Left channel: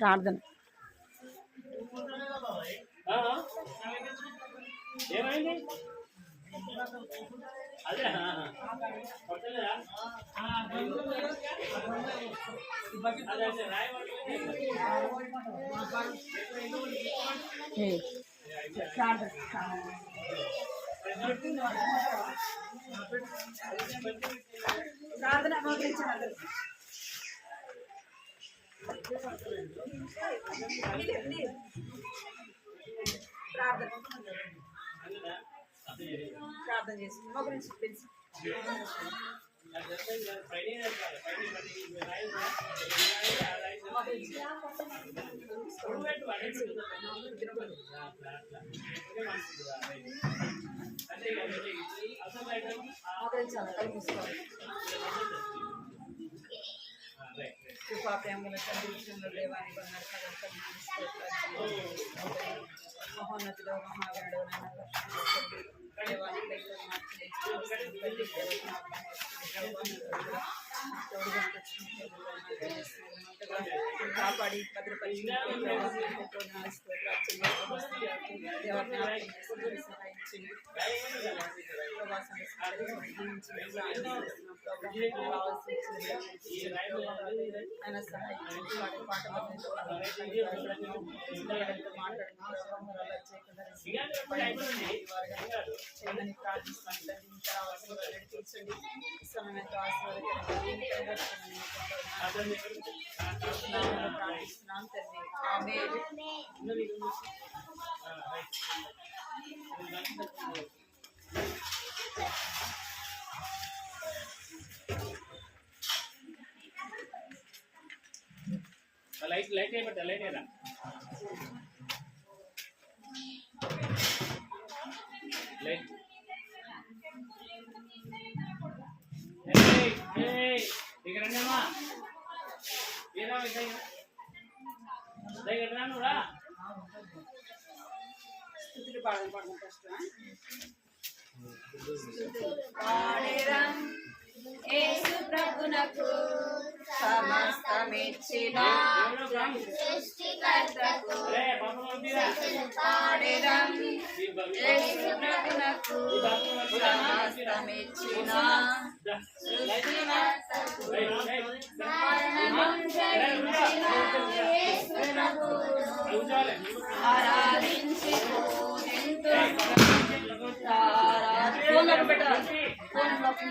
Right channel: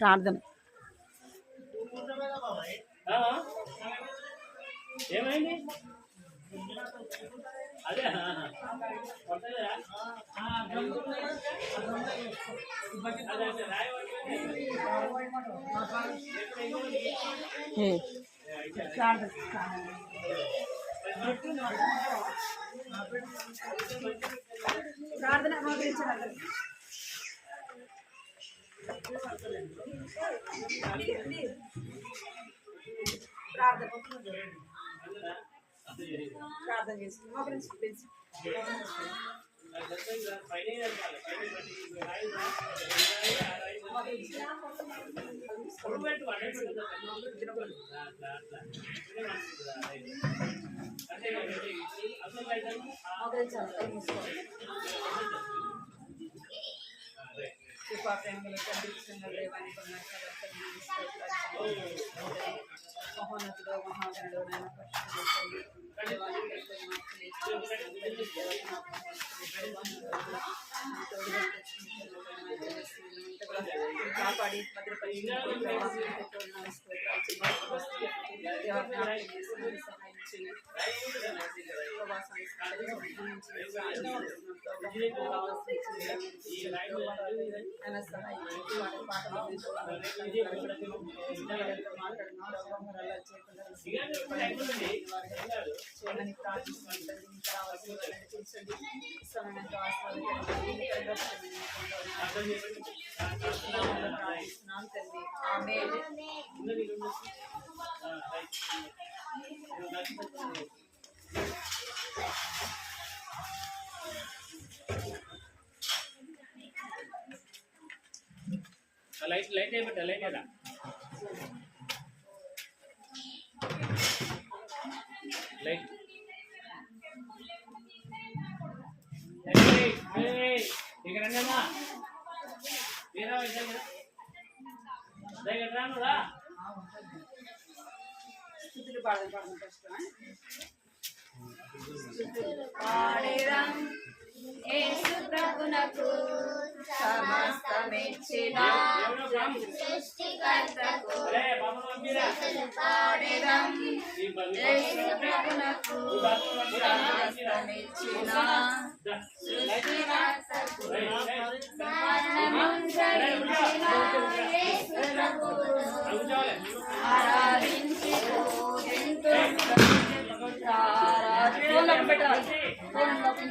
ప్రార్థన. ఏమైంది అదే ప్రార్థన మోకరించాలి. ప్రార్థన చేసి మోకరించి పిలిచి మోకరించాలి. కళ్ళు మూసుకోవాలి. కృపా ప్రేమల తండ్రి దేవానికి మహోన్నతుడు మహాగణుడు నాయన దేవానికి కాపాడి భద్రపరిచి దేవాన్ని సహాయం చేయండి. ఆయన సహాయం వాడి పాటలు మాట్లాడుతున్నారు చేయకుండా చేయమని ప్రార్థిస్తున్నాను. తండ్రి ఇంకా రావాల్సిన నడిపించండి. సమయంతో ఆశీర్వాదకరంగా ప్రార్థిస్తున్నాం తండ్రి. ఆమేన్. లైట్ లైట్ అయిపోతా లైట్ అయినా లైట్ ఇక్కడ రండమ్మా వేరే దగ్గర రానురా స్థుతులు పాడడం ఫస్ట్ పాడేరం యేసు ప్రభునకు సమస్తమిచ్చిన సృష్టికర్తకు పాడేరం యేసు ప్రభునకు సమస్తమిచ్చిన సృష్టికర్తకు మరణమును జయించిన యేసు ప్రభువును ఆరాధించి పూజింతుము. ఫోన్లోకి పెట్టాలి. ఫోన్లోకి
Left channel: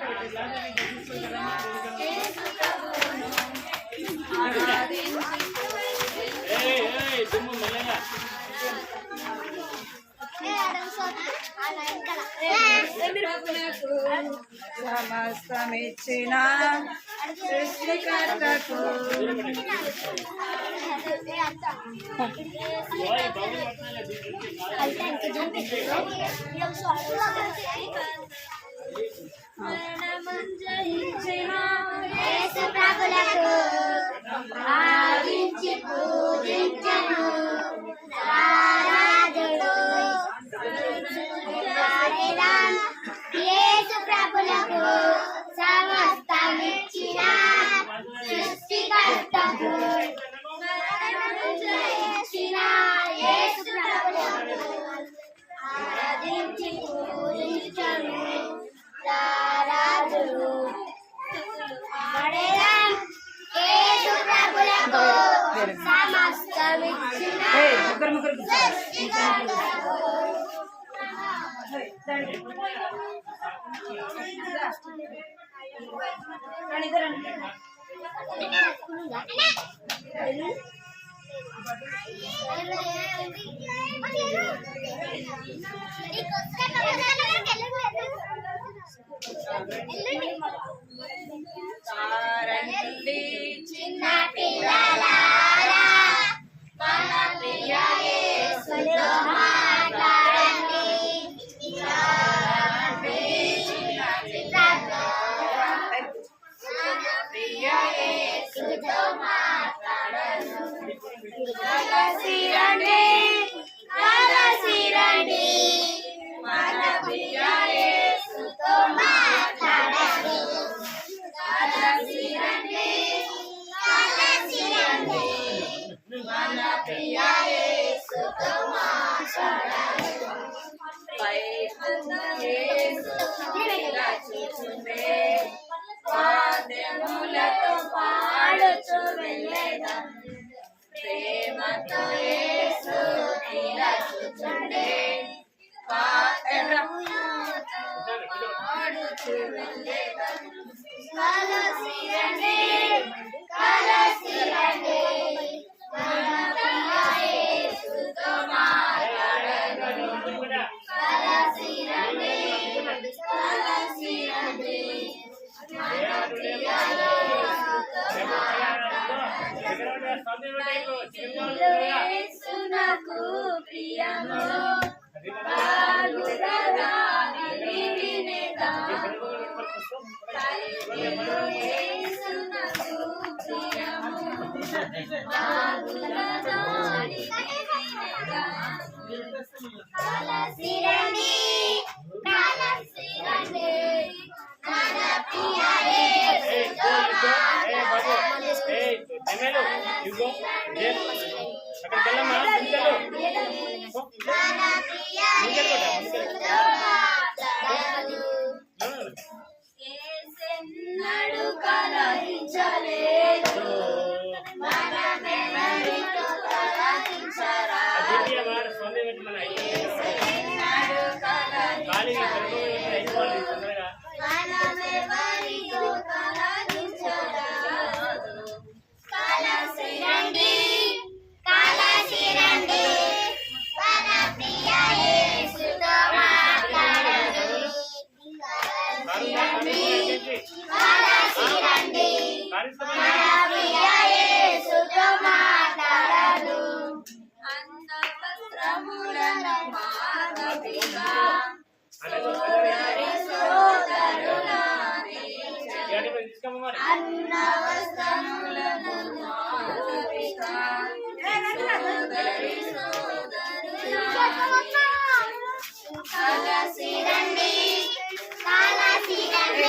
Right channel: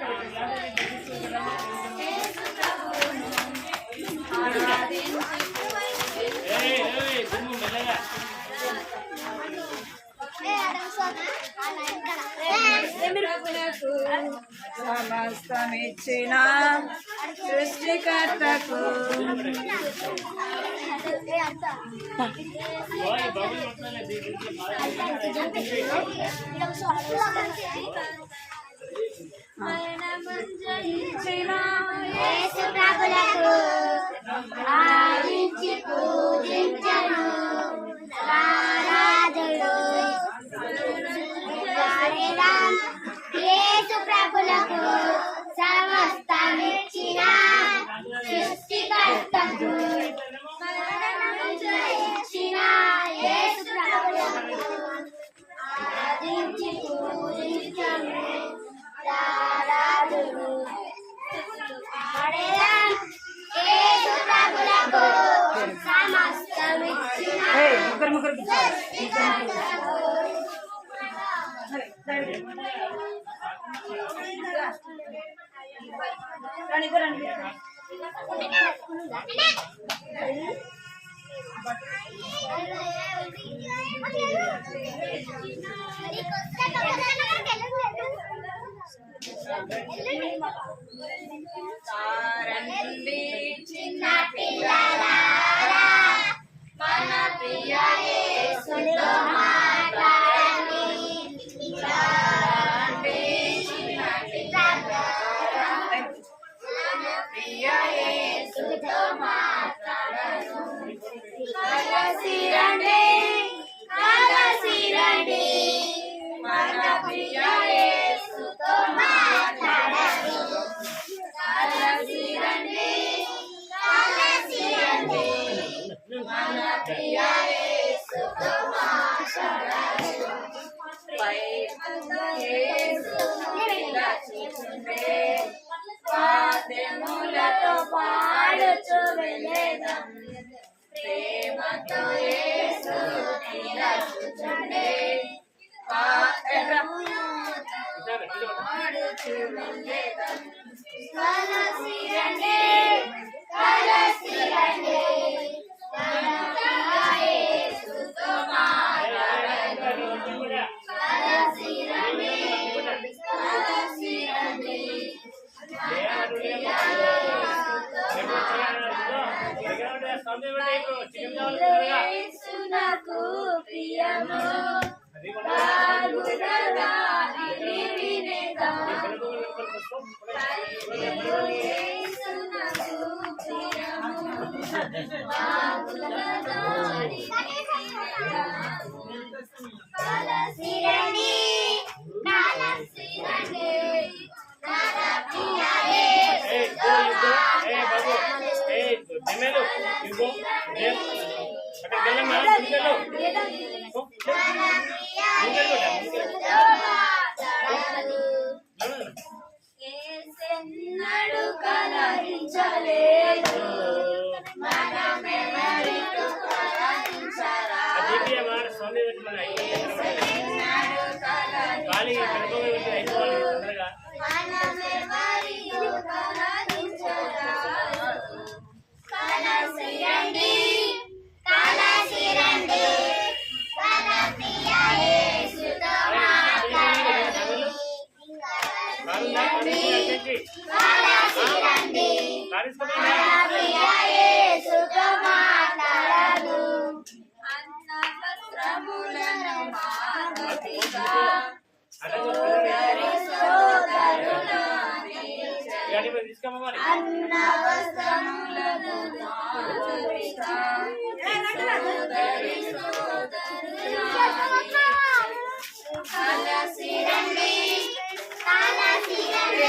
సమస్తమిచ్చిన సృష్టికర్తకు యేసు ప్రభులకు ఆరాధించి పూజించను ఆరాధుడు. యేసు ప్రభులకు సమస్తమిచ్చిన సృష్టికర్తకు యేసు ప్రభులకు ఆరాధించి పూజించను ఆరాధుడు. యేసు ప్రభులకు సమస్తమిచ్చిన రండి చిన్న పిల్లలారా మన ప్రియ యేసుతో మాట్లాడండి. రండి చిన్న పిల్లలారా మన ప్రియ యేసుతో మాట్లాడను. కలిసి రండి మన ప్రియ యేసుతో మాట్లాడను. కలిసి రండి ప్రియ యేసుతో మాట్లాడను ప్రేమతో యేసు ఇలా చూచుండే వాద్యములతో పాడుచు వెళ్ళేదం ప్రేమతో యేసు ఇలా చూచుండే పాడుచు వెళ్ళేదం కలసి రండి కలసి రండి మన ప్రియ యేసుతో మాట్లాడను కలసి రండి కలసి రండి మన ప్రియ యేసుతో యేసునకు ప్రియము బాగుగా ఇది వినేదా యేసునకు ప్రియము బాగుగా కలసి రండి కలసి రండి మన ప్రియ యేసుతో ఏసెన్నడు కలహించలేదు మనమెవరితో కలహించరా ఏసెన్నడు కలహించలేదు మనమెవరితో కలహించరా కలసి రండి కలసి రండి మన ప్రియ యేసుతో మాట్లాడను కలసి రండి మన ప్రియ యేసుతో మాట్లాడను అన్న వస్త్రములను మానవిగా సోదరి సోదరులాని అన్న వస్త్రములను మానవిగా సోదరి సోదరులాని కలసి రండి కలసి రండి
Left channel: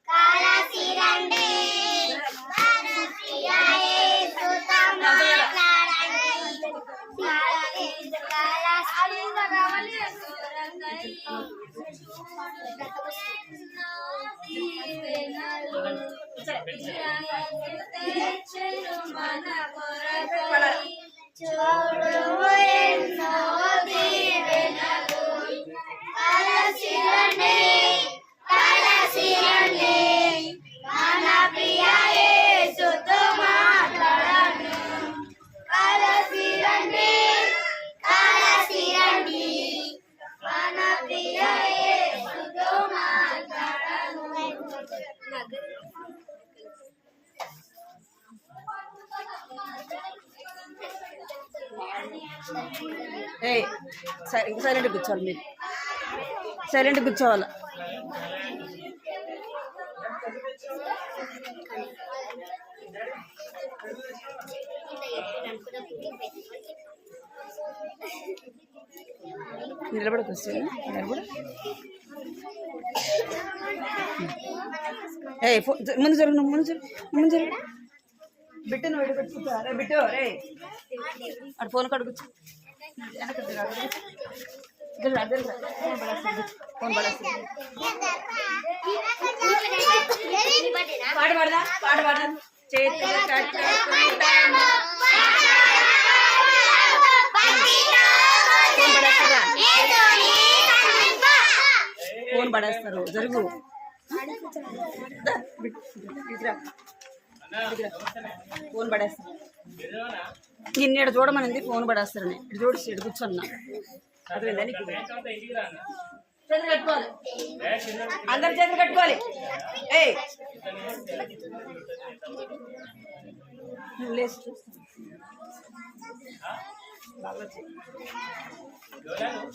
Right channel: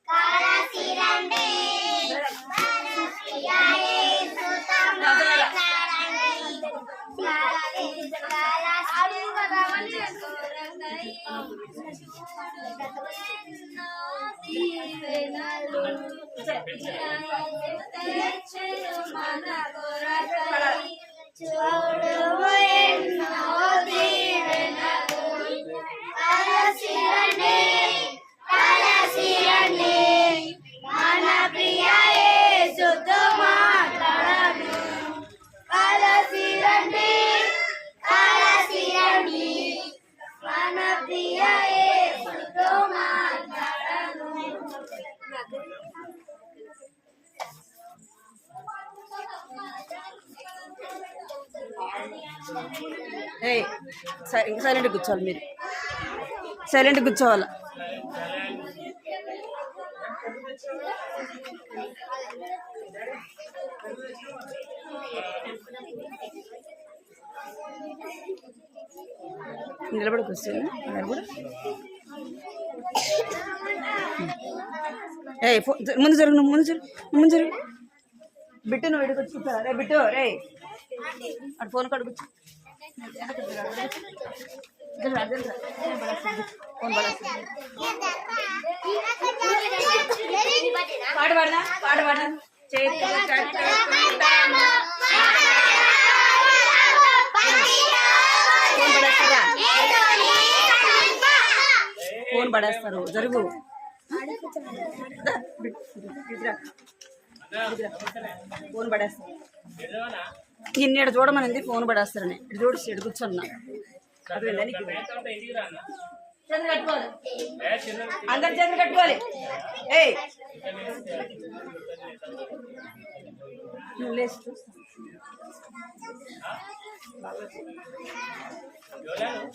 కలసి రండి ప్రియ యేసుతో మన కొరకై చూడు ఎన్నో దీవెనలు కలసి రండి కలసి రండి మన ప్రియ యేసుతో మాట్లాడను కలసి రండి కలసి రండి మన ప్రియ యేసుతో మాట్లాడను సైలెంట్ కూర్చోవాలి మీరు సైలెంట్ కూర్చోవాలి నిలబడికి వస్తుంది నిలబడి ముందు జరుగు నువ్వు ముందు జరుగు బిట్టు నువ్వు ఎడు కూర్చుంటా రే బిట్టు రే అటు ఫోన్ కాడ కూర్చో ఫోన్ పడేస్తుంది పాట పాడదా చేతులు కట్టుకుంటాము ఫోన్ పడేస్తారా ఫోన్ పడేస్తారు జరుగు ఫోన్ పడేస్తారు నిన్న చూడమనింది ఫోన్ పడేస్తారని ఇటు చూడు ఇటు కూర్చున్నా అర్థమైందా నీకు చేతులు కట్టుకోవాలి అందరు చేతులు కట్టుకోవాలి ఏయ్ నువ్వు లేచి చూస్తా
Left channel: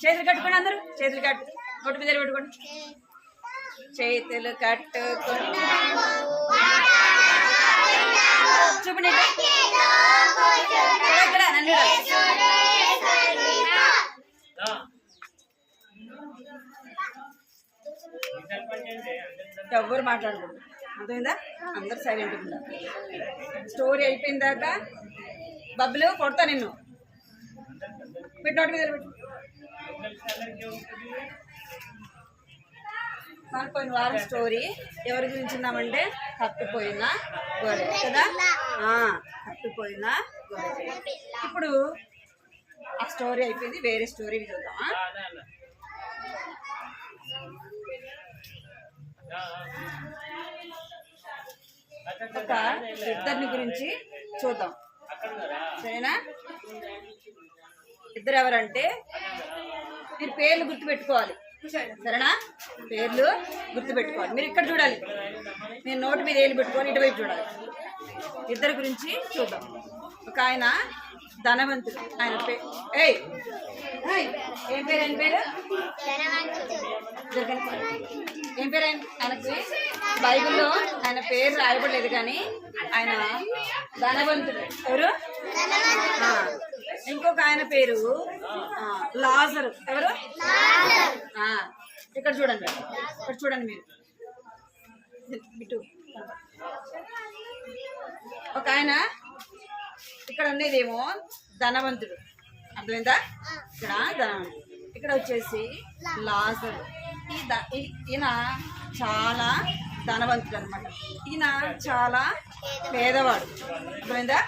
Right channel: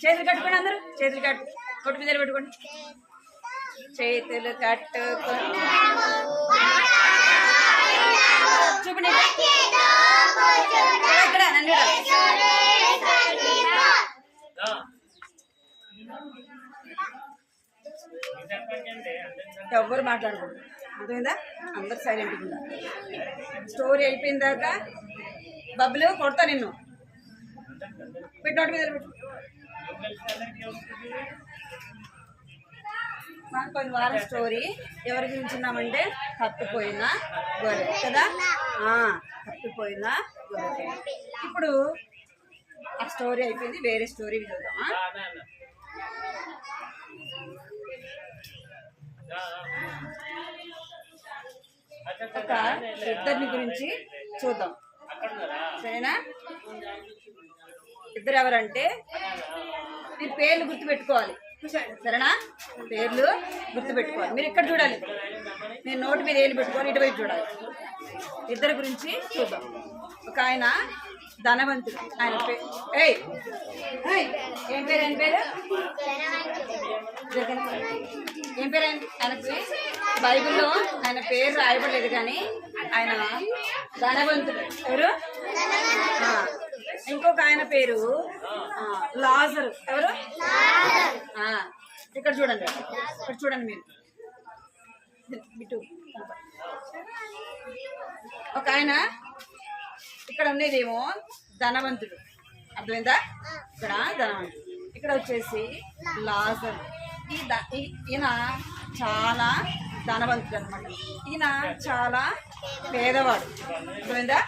చేతులు కట్టుకోండి అందరూ చేతులు కట్టు నోటి మీద పెట్టుకోండి చేతులు కట్టుకోండి చూపండి ఇక్కడ నన్ను ఎవ్వరు మాట్లాడకూడదు, అర్థమైందా? అందరు సైలెంట్గా ఉండాలి. స్టోరీ అయిపోయిన దాకా బబ్బులు కొడతా నిన్ను. పెట్టి నోటి మీద పెట్టు. మన పోయిన వారం స్టోరీ ఎవరి గురించి ఉన్నామంటే తప్పిపోయిన గొర్రె కదా. తప్పిపోయిన గొర్రె. ఇప్పుడు ఆ స్టోరీ అయిపోయింది, వేరే స్టోరీ చూద్దామా? ఒక ఇద్దరిని గురించి చూద్దాం, సరేనా? ఇద్దరు ఎవరంటే మీరు పేర్లు గుర్తుపెట్టుకోవాలి, సరేనా? పేర్లు గుర్తుపెట్టుకోవాలి. మీరు ఇక్కడ చూడాలి, మీరు నోటి మీద ఏళ్ళు పెట్టుకోవాలి, ఇటువైపు చూడాలి. ఇద్దరి గురించి చూద్దాం. ఒక ఆయన ధనవంతుడు, ఆయన ఏం పేరు? ఆయన పేరు ఏం పేరు? ఆయనకి బైబిల్లో ఆయన పేరు రాయబడలేదు, కానీ ఆయన ధనవంతుడు. ఎవరు? ఇంకొక ఆయన పేరు లాజరు. ఎవరు? ఇక్కడ చూడండి, ఇక్కడ చూడండి మీరు బిట్టు. ఒక ఆయన ఇక్కడ ఉండేదేమో ధనవంతుడు, అర్థమైందా? ఇక్కడ ధనవంతుడు, ఇక్కడ వచ్చేసి లాజరు. ఈయన చాలా ధనవంతుడు అనమాట, ఈయన చాలా పేదవాడు, అర్థమైందా?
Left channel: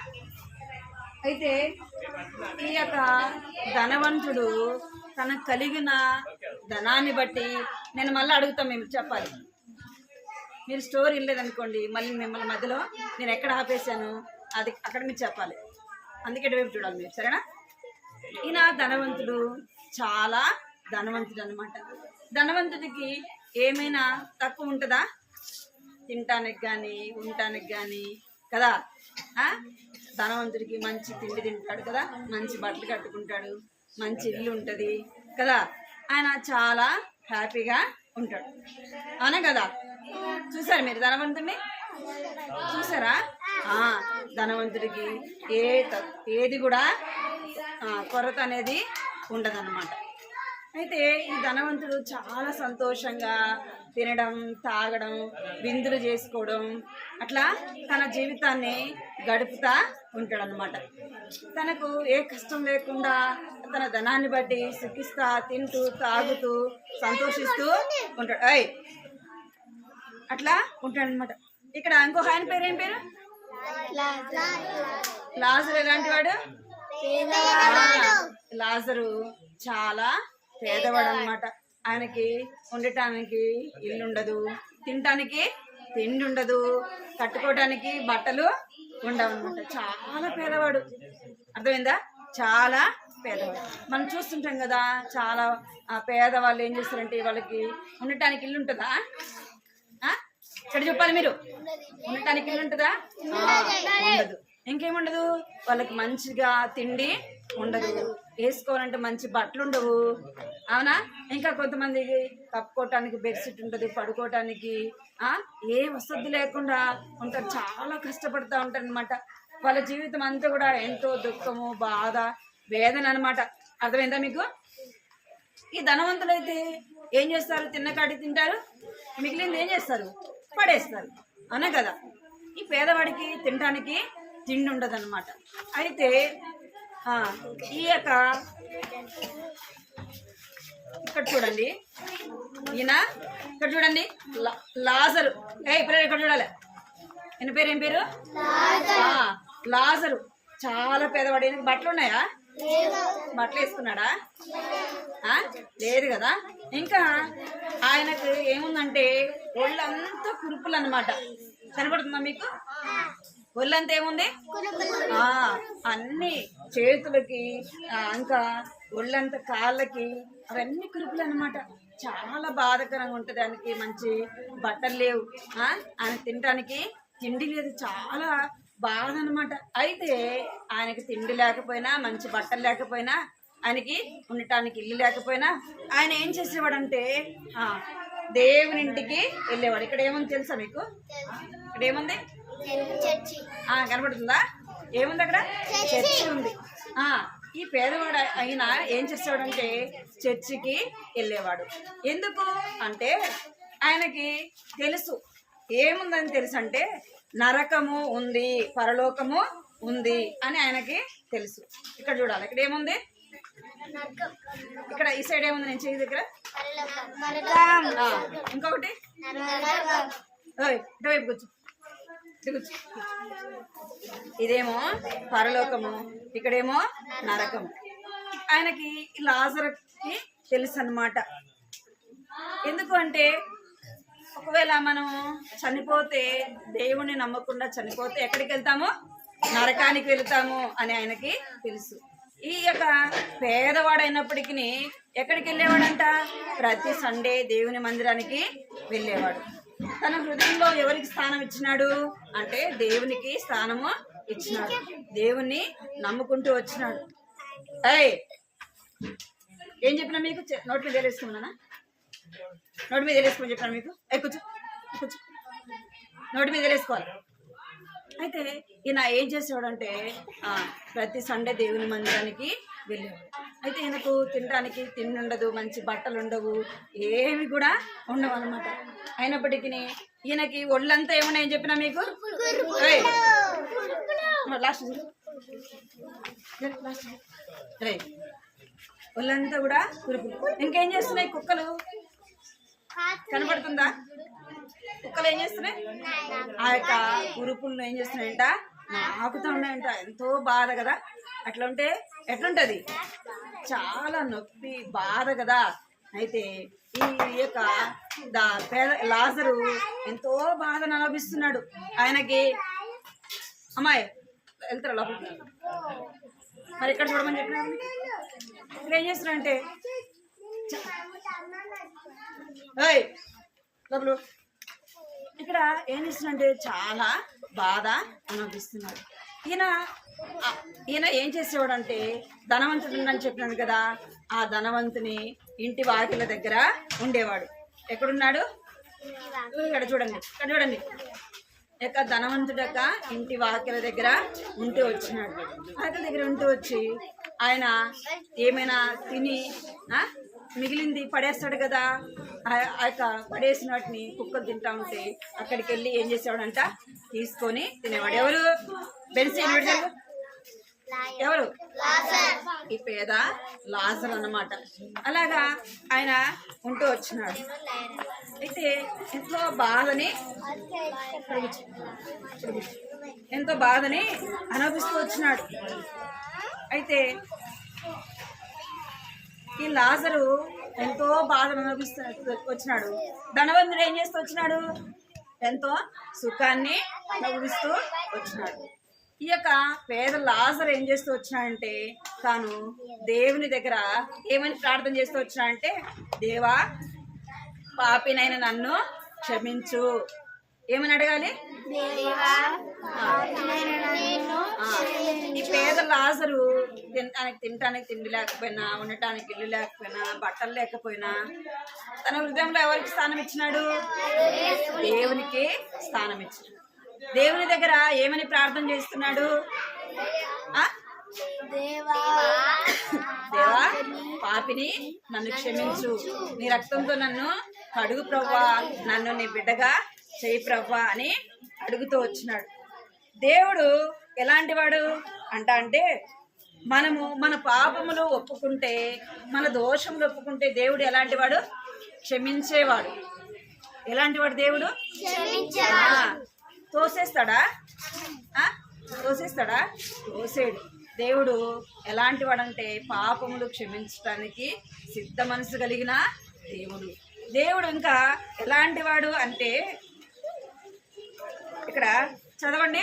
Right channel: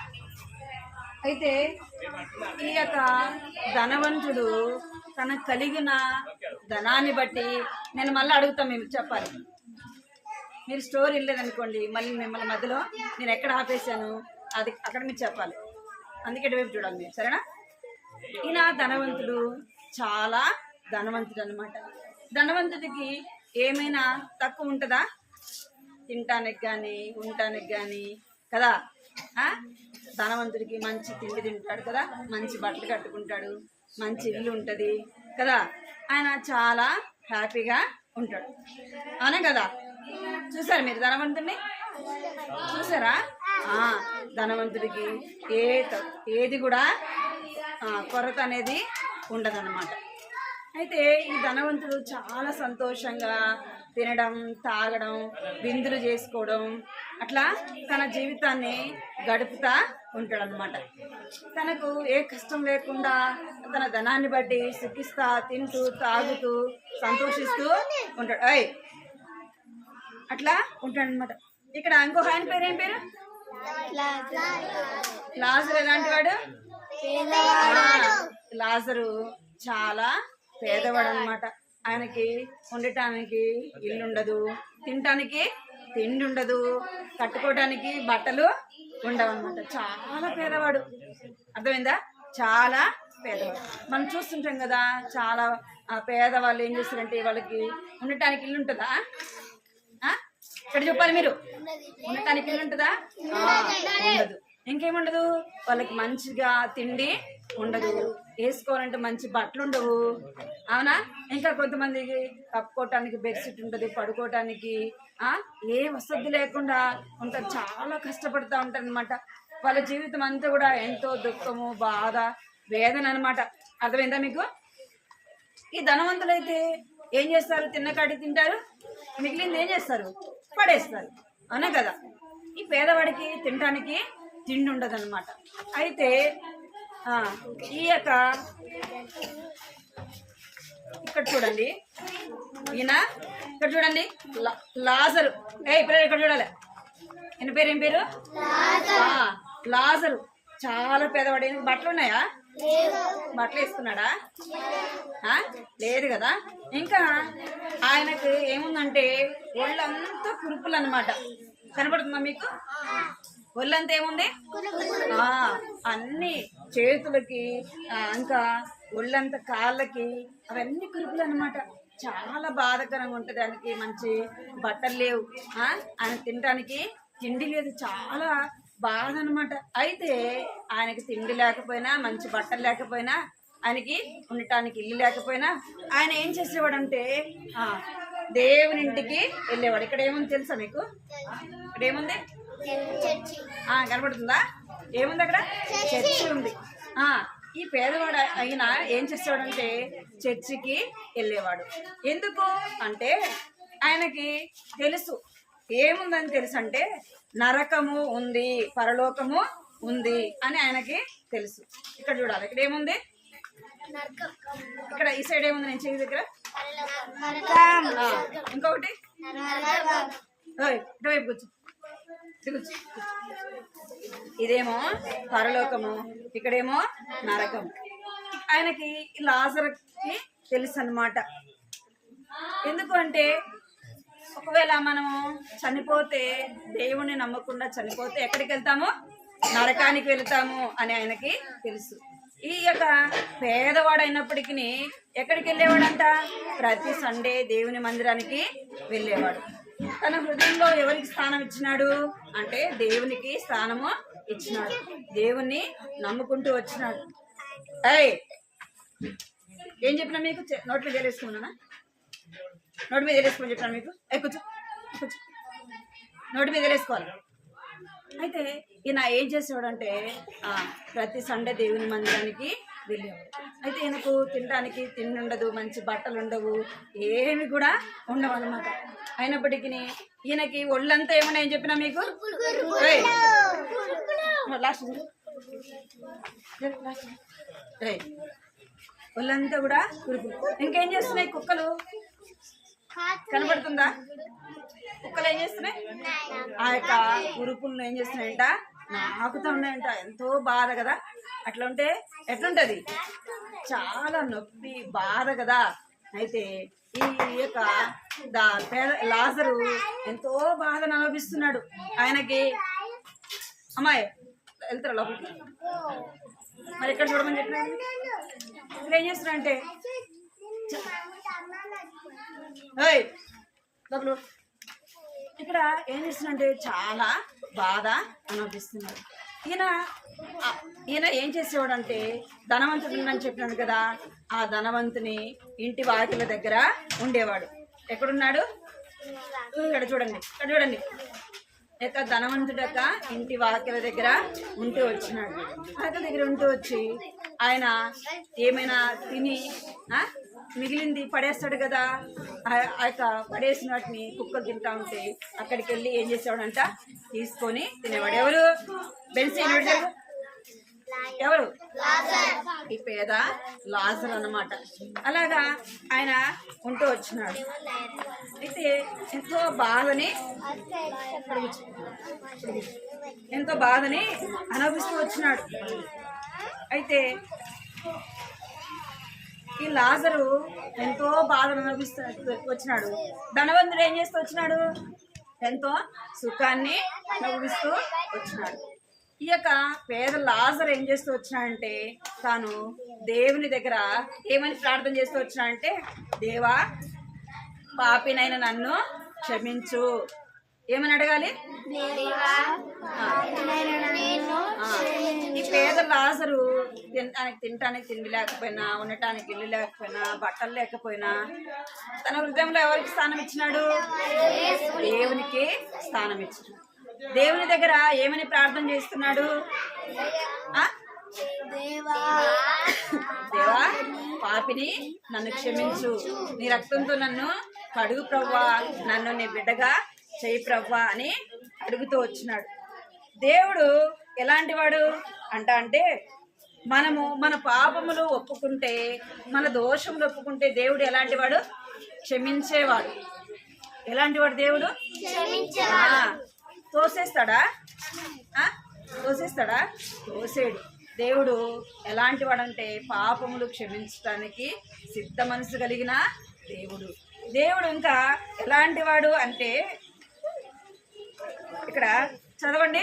అయితే ఈ యొక్క ధనవంతుడు తనకు కలిగిన ధనాన్ని బట్టి, నేను మళ్ళీ అడుగుతాం, మేము చెప్పాలి. మీరు స్టోరీ వెళ్ళలేదనుకోండి, మళ్ళీ మిమ్మల్ని మధ్యలో నేను ఎక్కడ ఆపేశాను అది అక్కడ మీరు చెప్పాలి, అందుకే ఇటువైపు చూడాలి మీరు, సరేనా? ఈయన ధనవంతుడు, చాలా ధనవంతుడు అనమాట. ధనవంతుడికి ఏమైనా తక్కువ ఉంటుందా? తినటానికి కానీ ఉండటానికి కానీ కదా. ధనవంతుడికి మంచి తిండి తింటాడు కదా, మంచి బట్టలు కట్టుకుంటాడు, మంచి ఇల్లు ఉంటుంది కదా, ఆయన చాలా హ్యాపీగా ఉంటాడు, అవునా కదా? చూసారు మీరు ధనవంతుడిని? చూసారా? ధనవంతుడికి ఏది కూడా కొరత అనేది ఉండదన్నమాట. అయితే ఈ ధనవంతుడు చాలా సంతోషంగా తినడం, తాగడం, విందులు చేసుకోవడం, అట్లా తన జీవితాన్ని గడుపుతా ఉంటాడనమాట. తనకు ఏ కష్టం లేకుండా తన ధనాన్ని బట్టి సుఖిస్తా, తింటూ, తాగుతూ, సంతోషిస్తూ ఉంటాడు. అట్లా ఉంటాడనమాట. ఇక్కడ ఇంకొక ఆయన పేరు ఏం పేరు? లాజరు. ఎలాంటి వాడు? లాజరు చాలా పేదవాడు అనమాట. ఆయనకి ఉండటానికి ఇల్లు ఉండదు, తినటానికి తిండి ఉండదు, కట్టుకోవడానికి బట్టలు ఉండవు అనమాట. చాలా పేదవాడు, అర్థమైందా? చాలా పేదవాడు. మనం చూస్తుంటాం కదా, చాలా పేదవాళ్ళు ఏం చేస్తారంటే వాళ్ళకి ఉండటానికి ఇల్లు ఉంటుందా? ఇక్కడ చెప్పాలి మీరు, ఉండటానికి ఇల్లు ఉంటుందా? ఉండదు. ఇంకేముండదు, వాళ్ళకి మంచిగా తిండి ఉండదు, వేసుకోవాలంటే మంచి బట్టలు ఉండవు, అవునా? ఇంకా కొంతమందికి కప్పుకోవటానికి బెడ్షీట్ ఉంటుంది, పడుకోవటానికి ఏ వసతి లేకుండా ఉంటారు, చాలా కష్టపడుతూ ఉంటారు అనమాట. వాళ్ళ జీవితం అంతా కూడా ఎంతో దుఃఖము, బాధ, వేదన అనమాట. అర్థమైందా మీకు? ఈ ధనవంతులైతే ఏం చేస్తారు? తిన్నకాడి తింటారు, మిగిలింది ఏం చేస్తారు? పడేస్తారు, అవునా కదా? ఈ పేదవాడికి తినడానికి తిండి ఉండదు అనమాట. అయితే ఈ యొక్క ఇక్కడ చూడండి, ఈయన ఇక్కడ చూడండి లాజరు. ఇప్పుడు ఇక్కడ చూడాలి, ఈయన పేరు ఏం పేరు? లాజరు చాలా పేదవాడు. ఈయనకి బట్టలు ఉన్నాయా? బట్టలు వేసుకున్నాడా? లేదు కదా. ఇంకా ఆయనకు ఏముందంటే ఒళ్ళంతా కురుపులు అన్నమాట. కనపడుతుందా మీకు? ఒళ్ళంతా ఏముంది? అన్ని చేతులకి, ఇంకా ఒళ్ళంతా కాళ్ళకి, అవన్నీ కురుపులు అన్నమాట. చాలా బాధాకరంగా ఉంటుంది. ఆయనకి మంచి బట్టలు లేవు, ఆయన తినడానికి తిండి లేదు, చాలా బాధ అనమాట. అయితే ఆయనకి తిండి లేకపోయినా, మంచి బట్టలు లేకపోయినా, ఆయనకి ఉండటానికి ఇల్లు లేకపోయినా ఆయన ఏం చేసేవాడంటే దేవుని ఇంటికి వెళ్ళేవాడు. ఇక్కడ ఏముంది తెలుసా మీకు? ఇక్కడ ఏముంది? కనబడుతుందా? ఏముంది అక్కడ? చర్చి ఉంది. ఈ పేదవాడు అయినా ఏం చేసేవాడంటే చర్చికి వెళ్ళేవాడు. ఎందుకు అంటే ఆయనకి తెలుసు, ఏముందని తెలుసు అంటే నరకము ఉంది, పరలోకము ఉంది అని ఆయనకి తెలుసు. ఇక్కడ చూడాలి, ఇక్కడ ఏముంది, ఇక్కడ ఈ సైడ్ ఏముంది, నేను చేయి దగ్గర ఇంకొకటి ఇటువైపు కూర్చో, కూర్చో. ఇదేమో పరలోకము, ఇక్కడేమో నరకము. ఆయనకి లాజరుకి తెలుసు అన్నమాట. ఎందుకు అంటే ఒకవేళ మనము చనిపోతే, దేవుణ్ణి నమ్మకుండా చనిపోతే ఎక్కడికి వెళ్తాము, నరకానికి వెళ్తాము అని ఆయనకి తెలుసు. ఈ యొక్క పేదవాడైనప్పటికీ ఎక్కడికి వెళ్ళేవాడంట, ప్రతి సండే దేవుని మందిరానికి వెళ్ళేవాడు. తన హృదయంలో ఎవరికి స్థానం ఇచ్చినాడు అంటే దేవునికి స్థానము ఇచ్చినాడు. దేవుణ్ణి నమ్ముకుంటూ వచ్చినాడు. ఏం చెప్పినా మీకు, నోటి మీద వేసుకున్నానా, నోటి మీద వేసుకోమని చెప్పినాను మీకు. కూర్చో, కూర్చో, నోటి మీద వేసుకోవాలి. అయితే ఈయన ఏం చేసేవాడంటే ప్రతి సండే దేవుని మందిరానికి వెళ్ళేవాడు. అయితే ఈయనకు తినడానికి తిండి ఉండదు, మంచి బట్టలు ఉండవు, ఏమి కూడా ఉండవు అనమాట. అయినప్పటికీ ఈయనకి ఒళ్ళంతా ఏమున్నాయని చెప్పినా మీకు, ఒళ్ళంతా కూడా కురుపులు. ఇంకేం చేస్తున్నాయి కుక్కలు, కనబడుతుందా? కుక్కలు ఏం చేస్తున్నాయి, ఆ యొక్క కురుపులను ఏం చేస్తున్నాయంట, నాకుతూ ఉన్నాయంట. ఎంతో బాధ కదా, అట్లా ఉంటే ఎట్లుంటది, చాలా నొప్పి బాధ కదా. అయితే ఈ యొక్క లాజరు ఎంతో బాధను అనుభవిస్తున్నాడు. ఆయనకి అమ్మాయి వెళ్తారా లోపలికి, మరి ఎక్కడ చూడమని చెప్పినా ఇక్కడ ఏం చేస్తున్నాడంటే లోపల ఇక్కడ ఏం చేస్తున్నాడంటే చాలా బాధ అనుభవిస్తున్నాడు. ఈయన ఏం చేసేవాడంటే ధనవంతుడు అని చెప్పినాను కదా, ఆ ధనవంతుని ఇంటి వాకిల దగ్గర ఉండేవాడు. ఎక్కడున్నాడు, ఇక్కడ చూడండి, ఇక్కడ చూడండి. యొక్క ధనవంతుడు యొక్క ఇంటి వాకిల దగ్గర ఉంటూ వచ్చినాడు. వాకిల దగ్గర ఉంటూ వచ్చి ఆయన ఏమైనా తిని మిగిలింది పడేస్తాడు కదా, ఆ యొక్క పడేసిన వాటిని కుక్కలు తింటా ఉంటే అక్కడికి వెళ్ళి ఏం చేసేవాడంట, తీసుకొని తినేవాడు. ఎవరు, బెన్సీ ఎవరు, ఈ పేద లాజరు అన్నమాట. అలాగా ఆయన ఉంటూ వచ్చినాడు. అయితే ఎంతో బాధని అనుభవిస్తూ వచ్చినాడు. అయితే ఈ లాజరు ఎంతో బాధను అనుభవిస్తూ వచ్చినాడు. ధనవంతుడు ఏం చేస్తూ వచ్చినాడు, ఎంతో సుఖాన్ని అనుభవిస్తూ వచ్చినాడు. ఈ యొక్క పేద లాజరు ఏం చేస్తూ వచ్చినాడంటే తాను దేవుని దగ్గర ఏమని ప్రార్థన చేస్తూ వచ్చినాడంటే, దేవా పాపినైన నన్ను క్షమించు. ఏమని అడగాలి, ఈ పేద లాజరు తినటానికి తిండి లేకపోయినా, ఉండటానికి ఇల్లు లేకపోయినా, బట్టలు లేకపోయినా తన హృదయంలో ఎవరికి స్థానం ఇచ్చినాడు, దేవునికి స్థానం ఇచ్చినాడు. దేవుని దగ్గర ఏమని ప్రార్థన చేస్తున్నాడు, దేవా పాపిని నన్ను క్షమించు, నీ రక్తంతో నన్ను కడుగు ప్రవ్వా, నన్ను నీ బిడ్డగా చేయి ప్రవ్వా అని అడుగుతూ వచ్చినాడు. దేవుడు ఎలాంటి వాడు అంటే మనము మన పాపములు ఒప్పుకుంటే, మన దోషములు ఒప్పుకుంటే దేవుడు ఎలాంటి వాడు, క్షమించేవాడు. ఎలాంటి వాడు దేవుడు, తోసేస్తాడా, తోసేడు. దేవుడు ఎలాంటి వాడంటే పాపములు క్షమించడానికి సిద్ధ మనసు కలిగిన దేవుడు. దేవుడు ఇంకా ఎలాంటి వాడు అంటే ఇక్కడ చదవండి,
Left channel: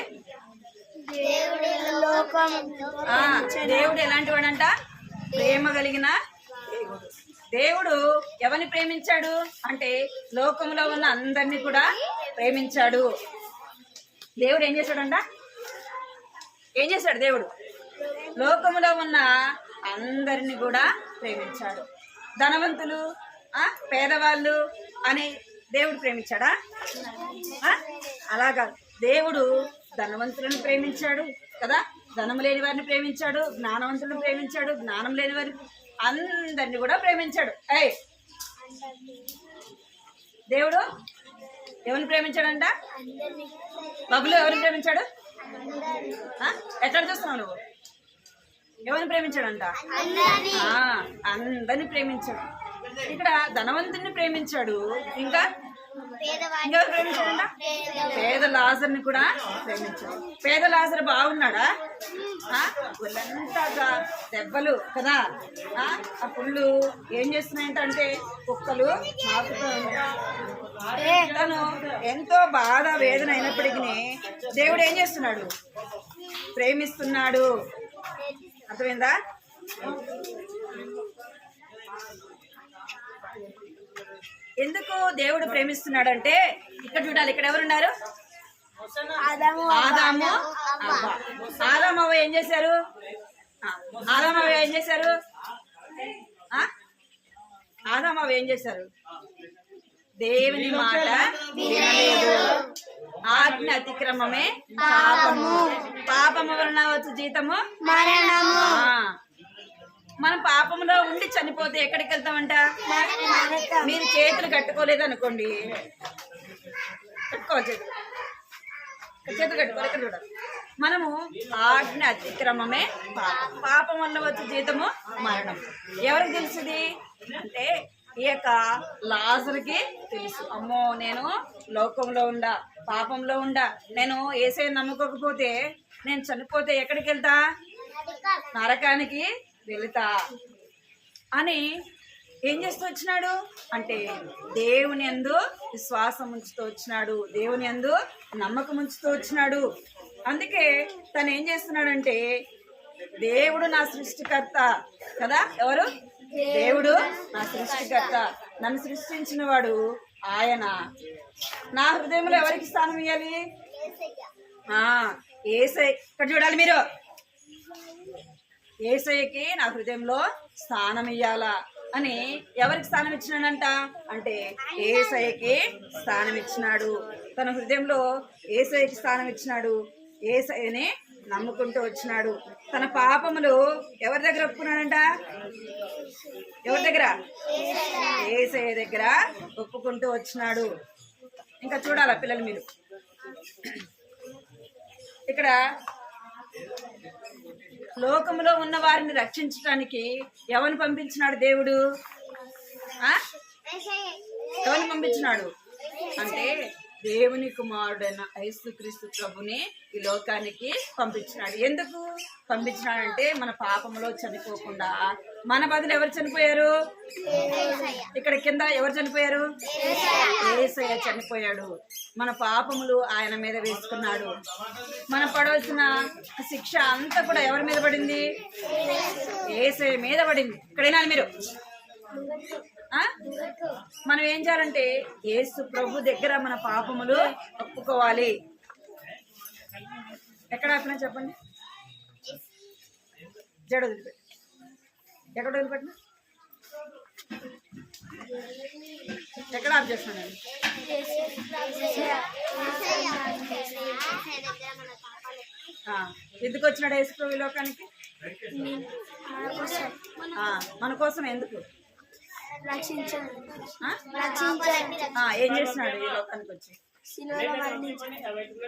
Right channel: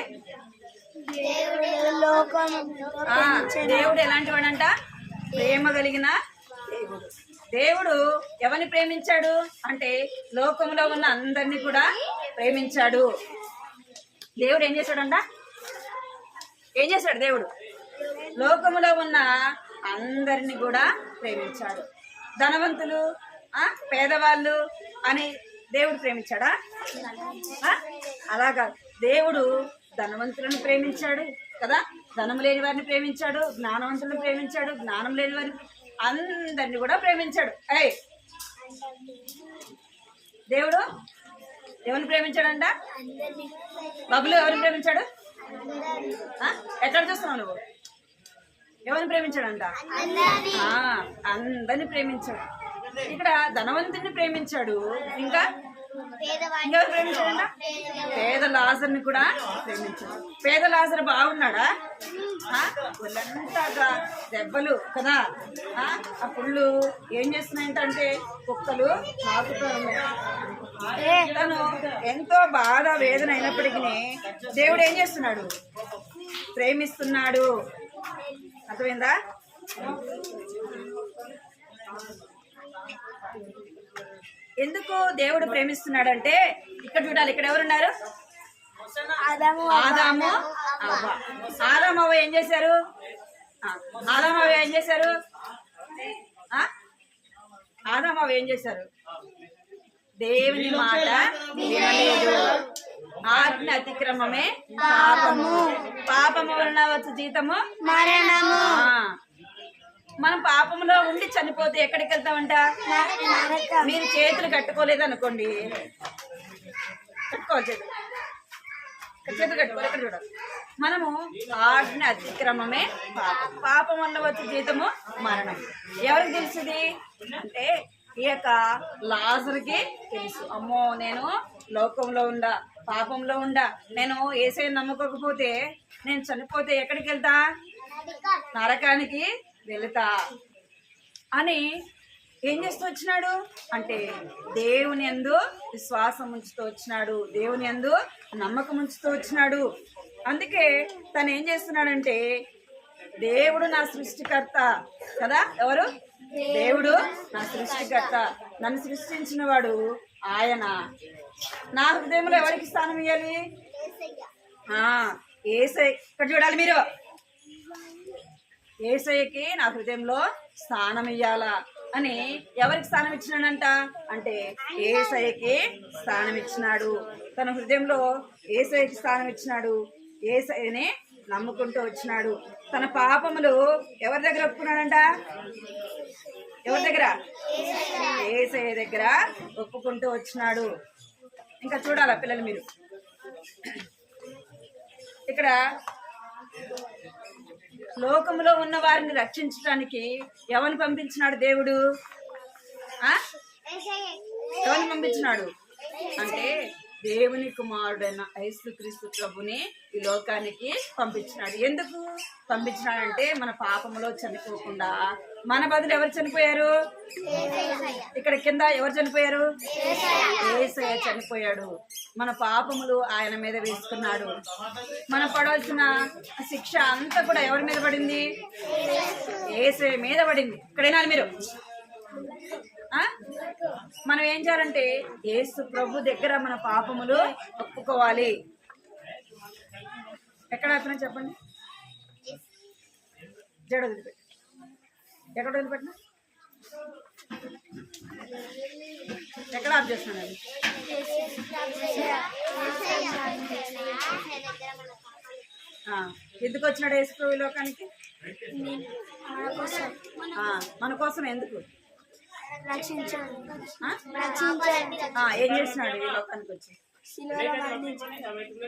దేవుడు ఎలాంటి వాడంట, ప్రేమ కలిగిన దేవుడు. దేవుడు ఎవరిని ప్రేమించాడు అంటే లోకంలో ఉన్న అందరినీ కూడా ప్రేమించాడు. దేవుడు ఏం చేశాడంట, ఏం చేశాడు దేవుడు, లోకములో ఉన్న అందరిని కూడా ప్రేమించాడు. ధనవంతులు పేదవాళ్ళు అని దేవుడు ప్రేమించాడా, అలాగా దేవుడు ధనవంతులను ప్రేమించాడు కదా, ధనము లేని వారిని ప్రేమించాడు, జ్ఞానవంతులను ప్రేమించాడు, జ్ఞానం లేని వారిని అందరిని కూడా ప్రేమించాడు. దేవుడు ఎవరిని ప్రేమించాడంట? బబులు ఎవరిని ప్రేమించాడు? ఎక్కడ చూస్తున్నావు నువ్వు? ఎవరిని ప్రేమించాడంట? అందరిని ప్రేమించాడు. ఇక్కడ ధనవంతుని ప్రేమించాడు. ఇంకా ఇంకెవరు ప్రేమించాడంట? పేద లాజర్ని కూడా ప్రేమించాడు. పేద లాజర్ బాగున్నాడా? ఒళ్ళంతా దెబ్బలు కదా, ఆ పుళ్ళు ఏం చేస్తున్నాయంటే కుక్కలు నాకుతూ ఉన్నాయి. తను ఎంతో బాధ వేదన అయినప్పటికీ దేవుడు ఏం చేస్తున్నాడు? ప్రేమిస్తున్నాడు. అర్థమైందా? ఎందుకు దేవుడు ప్రేమిస్తున్నాడంటే ఇక్కడ చూడాలి. ఇక్కడ ఎవరున్నారు? ఆదాము అవ్వ. ఆదాము అవ్వ ఏం చేశారు? ఆదాము అవ్వ ఏం చేశారు? ఆదాము అవ్వ ఏం చేశారు? దేవుని మాట వినలేదు. ఆజ్ఞ అతిక్రమమే పాపము. పాపము వలన వచ్చు జీతము మరణము. మనం పాపంలో ఉండి చనిపోతే ఎక్కడికి వెళ్తామంట? మీరు చేతులు కట్టుకోలేదు అనుకోండి, కట్టుకోవాలి చేతులు కట్టుకోవాలి. ఇక్కడ చూడాలి. మనము ఆజ్ఞ అతిక్రమమే పాపం. పాపం వల్ల వచ్చే జీతము మరణం. ఎవరికి తెలుసుది అంటే ఈ యొక్క లాజరుకి తెలుసు. అమ్మో, నేను లోకంలో ఉండా, పాపంలో ఉండా, నేను యేసయ్యను నమ్ముకోకపోతే నేను చనిపోతే ఎక్కడికి వెళ్తా? నరకానికి వెళుతా అని ఏం చేస్తూ వచ్చినాడు అంటే దేవుని యందు విశ్వాసం ఉంచుతూ వచ్చినాడు. దేవుని యందు నమ్మకం ఉంచుతూ వచ్చినాడు. అందుకే తను ఏం చేస్తున్నాడంటే దేవుడు నా సృష్టికర్త కదా. ఎవరు? దేవుడు నా సృష్టికర్త. నన్ను సృష్టించిన వాడు ఆయన. నా హృదయంలో ఎవరికి స్థానం ఇవ్వాలి? యేసయ్య. ఇక్కడ చూడాలి మీరు. యేసయ్యకి నా హృదయంలో స్థానం ఇయ్యాలా అని ఎవరికి స్థానం ఇచ్చినాడంట అంటే యేసయ్యకి స్థానం ఇచ్చినాడు. తన హృదయంలో యేసయ్యకి స్థానం ఇచ్చినాడు. యేసయ్యని నమ్ముకుంటూ వచ్చినాడు. తన పాపములు ఎవరి దగ్గర ఒప్పుకున్నాడంట? ఎవరి దగ్గర? యేసయ్య దగ్గర ఒప్పుకుంటూ వచ్చినాడు. ఇంకా చూడాలా పిల్లలు మీరు. ఇక్కడ లోకములో ఉన్న వారిని రక్షించడానికి ఎవరిని పంపించినాడు దేవుడు? ఎవరిని పంపించినాడు అంటే దేవుని కుమారుడైన యేసుక్రీస్తు ప్రభుని ఈ లోకానికి పంపించినాడు. ఎందుకు పంపించినాడంటే మన పాపములో చనిపోకుండా మన బదులు ఎవరు చనిపోయారు? ఇక్కడ కింద ఎవరు చనిపోయారు? యేసయ్య చనిపోయాడు. మన పాపములు ఆయన మీద వేసుకున్నాడు. మనం పడవలసిన శిక్ష అంతా కూడా ఎవరి మీద పడింది? యేసయ్య మీద పడింది. ఇక్కడైనా మీరు మనం ఏం చేయాలంటే యేసు ప్రభు దగ్గర మన పాపములు ఒప్పుకోవాలి. ఎక్కడ ఆపినా చెప్పండి. జడ వదిలిపెట్టి. ఎక్కడ వదిలిపెట్టినా? ఎక్కడ ఆఫ్ చేస్తున్నాను? ఎందుకు వచ్చినాడు యేసు ప్రభు ఈ లోకానికి? మన కోసం. ఎందుకు? ఏం చేసినాడు ఈ లోకానికి వచ్చి?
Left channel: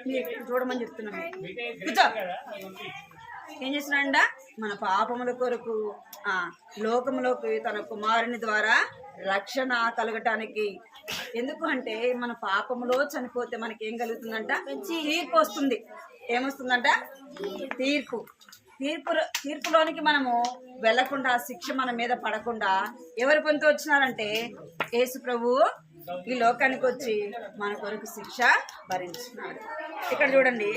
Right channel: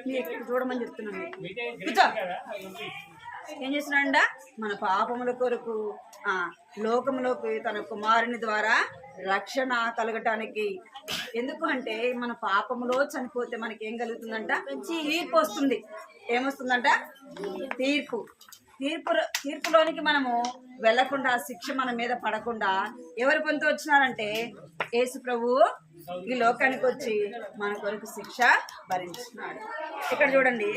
మీరు చూడమని చెప్తున్నాను. కూర్చో. ఏం చేసినాడ? మన పాపముల కొరకు లోకములోకి తన కుమారుని ద్వారా రక్షణ కలగటానికి. ఎందుకు అంటే మన పాపములో చనిపోతే మనకి ఏం కలుగుతుందంట? తీర్పు వస్తుంది. ఏమొస్తుందంట? తీర్పు. తీర్పులోనికి మనము వెళ్లకుండా, శిక్ష మన మీద పడకుండా ఎవరు పొందుతూ వచ్చినారంటే యేసు ప్రభు ఈ లోకానికి వచ్చి మన కొరకు శిక్ష భరించినాడు. ఇక్కడ చూడండి.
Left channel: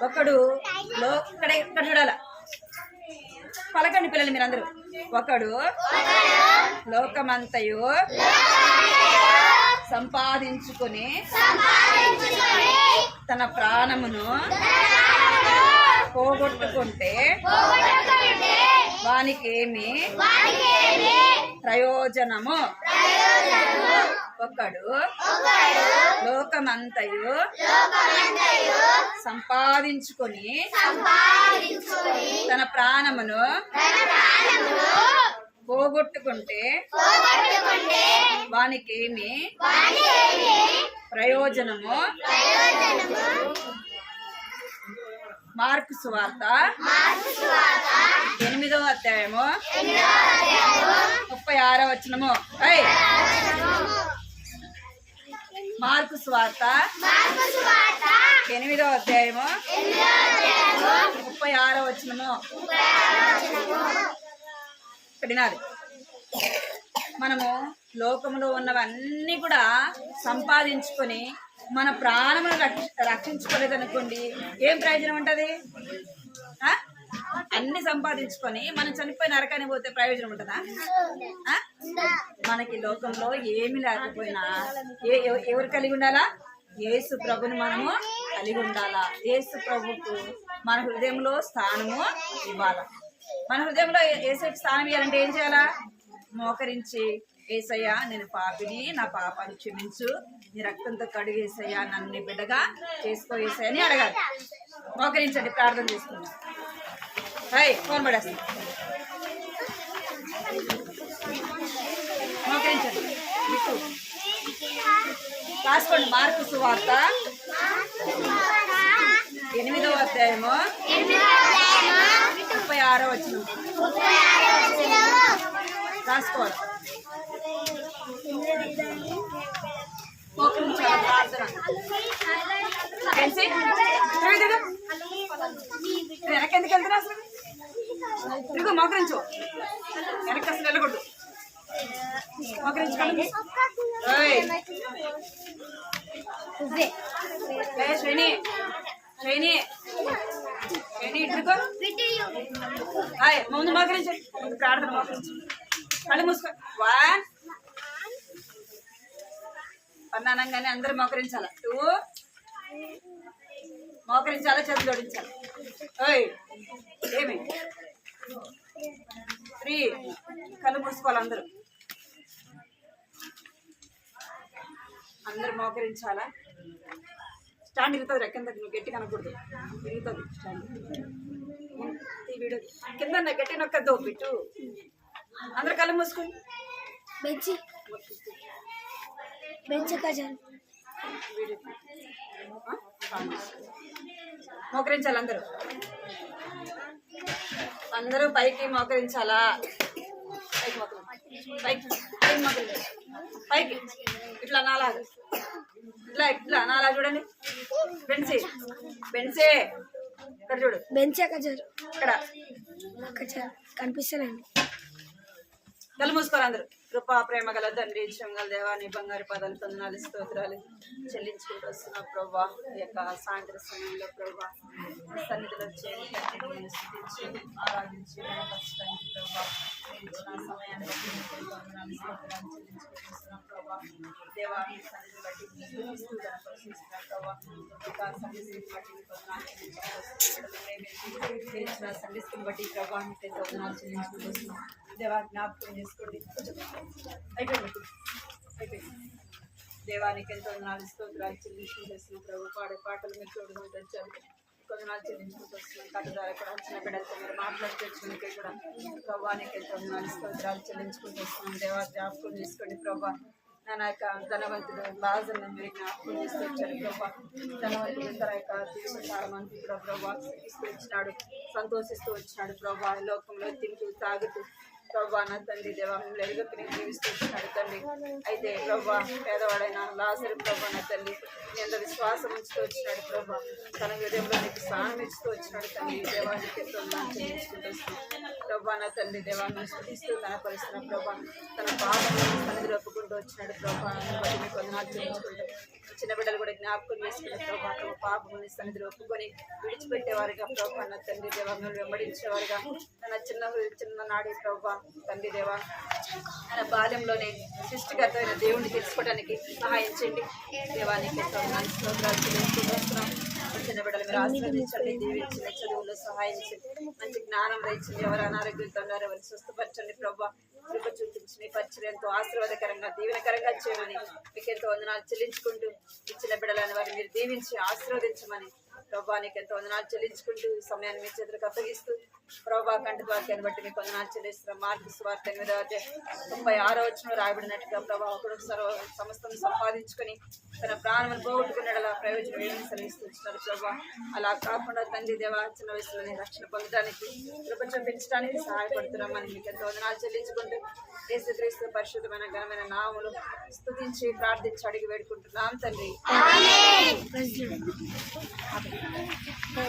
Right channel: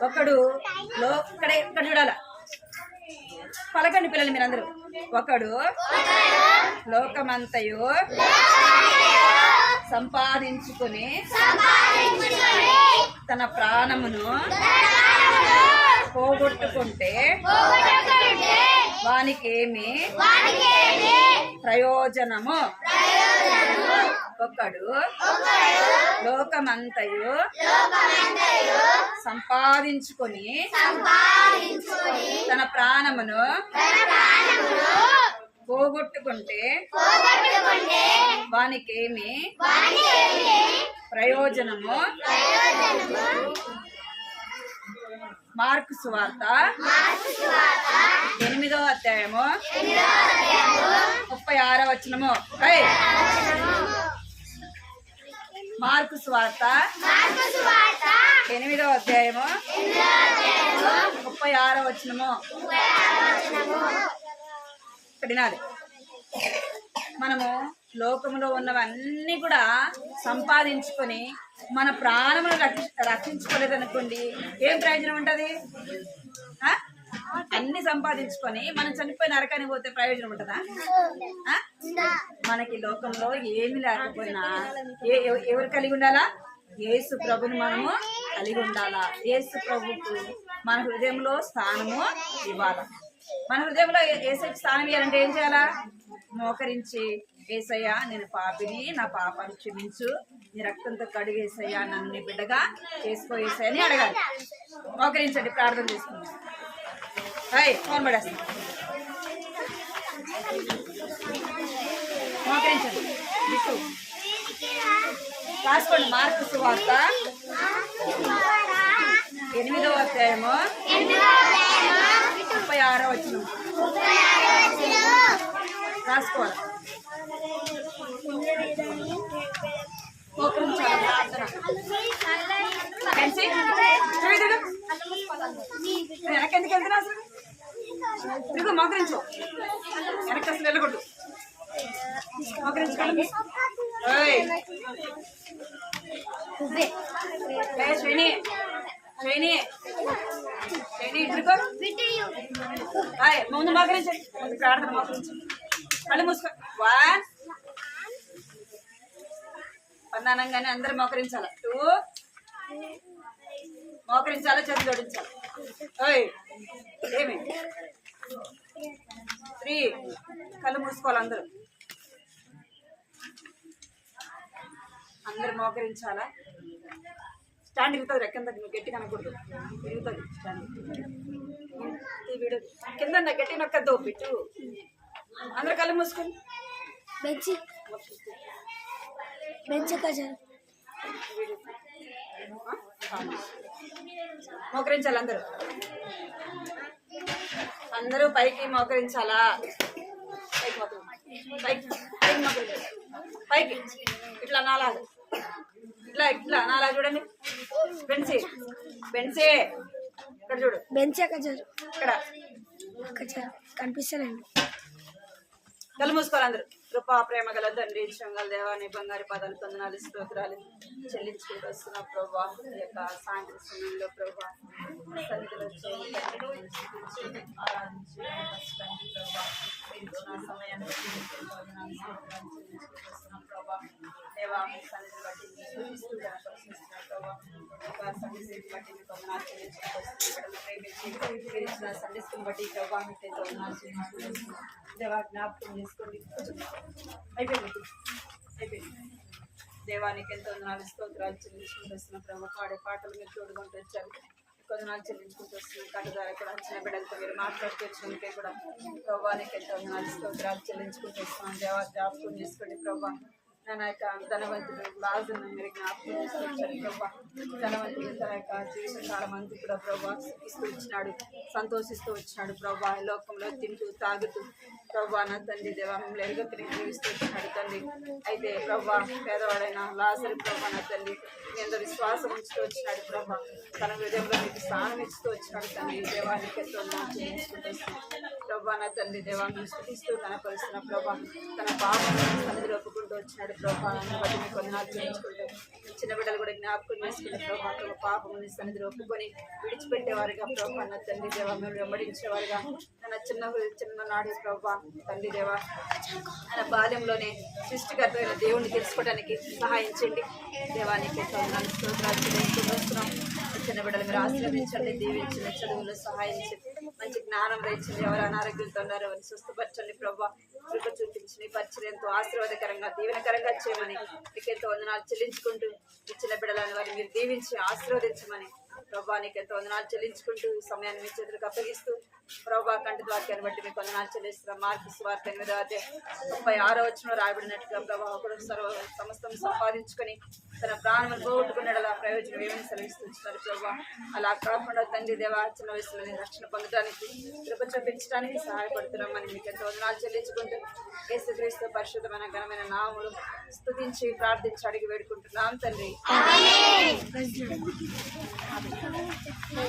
ఒకడు ఇక్కడ చూడాల. పలకండి పిల్లలు మీరందరూ. ఒకడు లోకమంతయు సంపాదించుకొని తన ప్రాణమును పోగొట్టుకుంటే వానికేమి ప్రయోజనము? ఒకడు లోకమంతయు సంపాదించుకొని తన ప్రాణమును పోగొట్టుకుంటే వానికేమి ప్రయోజనము? మార్కు సువార్త 8వ అధ్యాయము 36వ వచనము. మార్కు సువార్త 8వ అధ్యాయము 36వ వచనము. వినాలి. మనము లోకంలో ఉన్నవన్నీ కూడా సంపాదించుకొని మన ప్రాణమును రక్షించుకోలేదనుకోండి, ఏం ప్రయోజనం ఉంటుంది? అన్ని సంపాదించుకొని మనం చనిపోయి నరకానికి పోతే ప్రయోజనం ఉంటుందా? మనకి లోకంలో ఏమి లేకపోయినా ఎవరు కలిగి ఉండాలా? యేసు ప్రభుని మనము కలిగి ఉండాలా. యేసు ప్రభుకు మన హృదయంలో స్థానము ఇవ్వాలా. మన హృదయంలో యేసుకి స్థానం ఇవ్వాలంటే ఏం చేయాలా? మోకరించి, ఏసయ్యా నేను పాపిని, నా పాపాన్ని క్షమించు, నీ రక్తంతో కడిగేసయ్యా, నన్ను నీ బిడ్డగా చేసుకో ఏసయ్య అని అడగాలి. మోకరించండి, ప్రార్థన చేసుకుందాం. ఫోన్ పడేస్తాం. మోకరించండి. బిట్టు రాసుకోండి. మార్కు సువార్త 8వ అధ్యాయము 36వ వచనం రాసుకోవాలి. మోకరించాలి. ప్రార్థన. వెనక్కి ఎందుకు వెళ్తున్నా? అసలు తిరుగు. మోకరించు. వెనక్కి అసలు వెళ్ళకూడదు. మోకరించుకోండి. శ్రేణి శ్రేణి శ్రేణి ఇటుకో. ముందు మోకరించండి. ముందు ప్రార్థన. మోకరించండి. కళ్ళు మూసుకో. 1 పన్నానంగానే అందరూ మోకరించాల. 2 మోకరించాలా, చేతులు జోడించాలి. ఏమి 3 కళ్ళు మూసుకోవాలి. అందరూ మోకరించాలా. స్టాండ్ ఇరుగుతుంది. రెక్కన దగ్గర నువ్వు గట్టి కనకూడదు. ఇరుగుతుంది స్టాండ్. వీడు కింద గట్టి నొక్కద్దు. బిట్టు అందరు కళ్ళు మూసుకొని మోకరించాలి. అందరూ పైకి మోకరించాలా. పైకి పైకి పైకి మోకరించాలి. పైకి ఇట్లా నాలాగా, ఇట్లా ఇట్లా నాలా. చూడండి. బెన్సీ బెన్సీ ఇక్కడ చూడు. బెంచే ఇక్కడ కనిపిస్తలేండి. కళ్ళు మూసుకోవాలి అందరూ. కృపా ప్రేమ గల తండ్రి, గల దేవాన్ని బంగారు పాదాలు వందనాలు స్తోత్రాలు చెల్లించుకుంటూ వస్తున్నా ప్రభా. ఈ యొక్క సాయంత్రం సమయంలో ప్రభా సన్నిధిలో ఆరాధించి ప్రభా ఇచ్చిన సమయాన్ని బట్టి చెల్లించుకుంటున్నాం ప్రభా. దేవా మీ సన్నిధి బట్టి స్థుతిస్తూ కనపరుస్తున్నాం ప్రభా. ఇక సన్నిధిని బట్టి మీకు వందనాలు చెల్లించుకుంటూ ఇచ్చిన సన్నిధిని బట్టి ప్రభా మీకైతే వందనాలు చెల్లించుకుంటున్నాం. దేవా జ్ఞాపకం చేసుకోండి. అయిపోయింది. దేవానికి ఎంతో వందనాలు స్తోత్రాలు చెల్లించుకుంటూ వస్తున్నాం ప్రభు. పాడే పాటలు మీరు చూడకుండా తెచ్చారు. కొందనాలు చెల్లించుకుంటూ వస్తున్నాం. కట్టు ద్వారా కూడా వచ్చిన బిడ్డలతో మీరు మాట్లాడుతూ వచ్చినందుకే కూడా ప్రభానికి ఎంతో వందనాలు స్తోత్రాలు చెల్లించుకుంటూ వస్తున్నాం. దేవా జ్ఞాపకం చేసుకోండి ప్రభా. నా యొక్క ధనవంతుడు లాజర్ని మీరు జ్ఞాపకం తీసుకొచ్చారు ప్రభా. ధనవంతుడు తన యొక్క జీవితకాలం అంతా కూడా ప్రభా ఇస్తూ వచ్చినాడు, సంతోషిస్తూ వచ్చినాడు ప్రభా. లోకంలో తింటూ తాగుతూ ప్రభా నా తండ్రి దేవా మిమ్మల్ని ఎలుగెత్తుని జీవిస్తూ వచ్చినాడు తండ్రి. అయితే ప్రభా పేదవాడైన లాజరు ప్రభా నా తండ్రి ఎంత విశ్వాసం ఉంచుతూ వచ్చినాడు ప్రభా. తన హృదయంలో నీకు స్థానం ఇస్తూ వచ్చినాడు తండ్రి. దేవానికి ఎంతో చెల్లించుకుంటూ వస్తున్నాడు ప్రభా నా తండ్రి. దేవాన్ని స్థుతిస్తూ కనపరుస్తున్న ప్రభా. తన పాపం సన్నిధిలో ఒప్పుకుంటూ వచ్చినాడు ప్రభా. బట్టి మీకు వందనాలు చెల్లించుకుంటూ చిన్న బిడ్డలు కూడా జ్ఞాపకం చేసుకునే ప్రభా తమ పాపముని సన్నిధిలో ఒప్పుకొని విడిచిపెట్టేవారుగా ప్రభా నా తండ్రి దేవ మిమ్మల్ని వెంబడించేవారుగా తన చిన్ననాడి ప్రభా తండ్రి దేవ ఆయన బాల్యంలోనే సృష్టికర్తమైన దేవుణ్ణి తెలుసుకోవడానికి సహాయం చేయండి. దేవానికి స్తోత్రాలు చెల్లించుకుంటున్నాం. చిన్న బిడ్డలు మీరు ఆశీర్వదించండి, దీవించండి, చదువుల్లో సహాయం చేయండి, మంచి జ్ఞానం తెచ్చండి. ఎవరు అనారోగ్యంతో ఉన్నారో ఎవరిని స్వస్థపరచండి ప్రభా. కృప చూపించి పరిచయం ఎంతో ఆశీర్వాదకరంగా దీవెనకరంగా చేయమని మీకు ఎంతో వందనాలు చెల్లించుకుంటూ ఇచ్చిన బిడ్డలని వారిని మీరు దీవించి ఆశీర్వదించమని ప్రభా నీకు ఎంతో వందనాలు చెల్లించుకుంటూ ఈ సమయాన్ని మీ చేతులకు అప్పగిస్తూ ప్రభా కంటి వాక్యాన్ని బట్టి మీకు వందనాలు చెల్లిస్తున్నాం. మార్కు సువార్త 8:36 వచనంలో రాయబడినట్టుగా ప్రభా ఒకడు సమస్తం సంపాదించుకొని తన ప్రాణమును పోగొట్టుకున్నాడలా ప్రయోజనం ఏమని సెలవిస్తున్నారు ప్రభా. అలా కాకుండా తండ్రి దేవా చిన్న వయసులోనే రక్షణ పొందడానికి కృప చూపించడానికి సహాయపడుతున్నామని మీకు ఎంతో వందనాలు చెల్లించుకుంటూ యేసుక్రీస్తు పరిశుద్ధమైన ఘనమైన నామములు స్తుతించి ప్రార్థించి అడిగి వేడుకుంటున్నాం తండ్రి.